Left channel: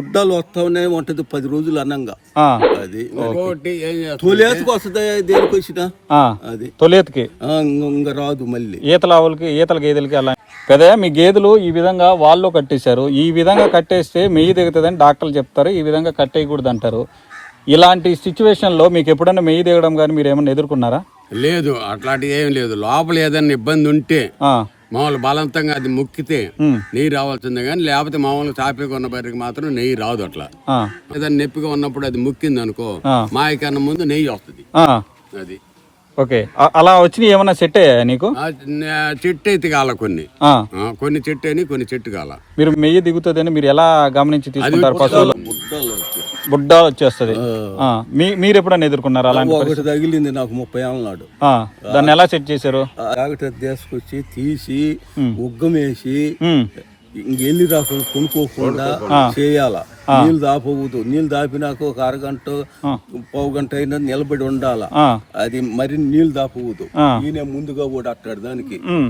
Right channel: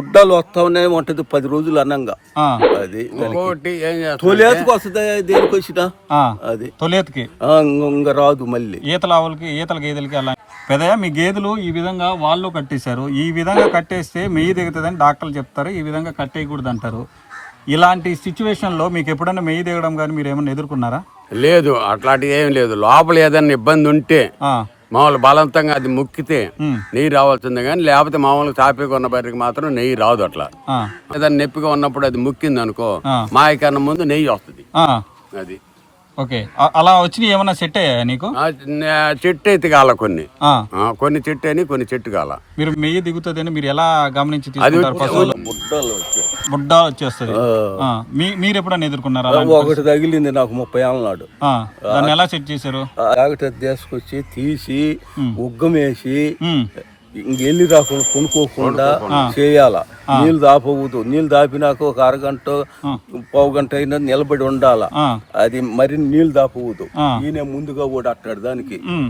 గుడ్డలు వస్తానే ఉంటది 10 రోజులు అన్నంగా. ఆ, అది ఇంకోటి ఏం చేస్తాం తొలేతకు వస్తుంది దేనికి వచ్చినా ఆ. అది తొలేతికి ఇంకా రాదు మళ్ళీ. ఈతల ఆవులకి ఈతల గేదెలకి అలా కదా. మీ గేదెలు ఈ విధంగా వాళ్ళు కట్టేశారు. ఈ విధంగా కట్టేస్తే మెయ్యి దిగుతుందని డాక్టర్లు చెప్తారు, ఈ విధంగా కట్టేయకూడదు అంటారు. ఇలాంటి సిచ్యువేషన్లో మీకు ఎప్పుడైనా మెయ్యి దిగడం కానీ మీరు ఏమైనా ఎదుర్కొన్నారా? లేదు, అట్లాంటివి ఏం లేదు. లోపల ఏదైనా ఇబ్బంది ఉంటే ఆ, మామూలు బలవంతంగా అది మొక్కితే ఉమ్, నెయ్యి రావాల్సిందే, కానీ లేకపోతే మామూలుగా తాపిగా ఉన్న బరికి మాత్రం నెయ్యి రాదు. అట్లా ఆ, ఏదైనా నొప్పిగా ఉన్నప్పుడు అది ముక్కింది అనుకో, ఆ. మాయకన్నా ముందు నెయ్యి వస్తుంది. ఆ, అది ఓకే. అలా వచ్చి ఏమైనా సెట్ అయ్యాయా నీకు? చెట్టు అయితే కాల కొన్ని ఆ, కొన్ని చెట్టు అని కొన్ని చెట్టు కాల. మీరు మెయ్యి దిగుతుందని మీరు ఎలా గమనించి తీసుకుంటారు? పశువులు గుడ్డలు వచ్చాయి. బుడ్డ వచ్చేస్తుంది. మీరు ఎప్పుడైనా ఎదుర్కొన్నారా? ఒకటి తగిలింది నాకు 30 ఏళ్ళ నాడు. దాన్ని ఎలా సెట్ చేశారు? జాగ్రత్త తీసుకొచ్చి తీసి ఉగ్గమేసి ఉమ్, ఇంకెళ్ళి రాకుండా కొనుక్కోకుండా చేయాల. నీళ్ళు దాపకూడదు. నీళ్ళు దాపినాక ఒక అరగంట 1/2 గంట అయినా నిలబడి ఉండాల. ఆ, అది మరి నీళ్ళు దాపకూడదు. ఆ. ఈయన ముందుగా కూడా అట్టాడు దానికి. ఉమ్.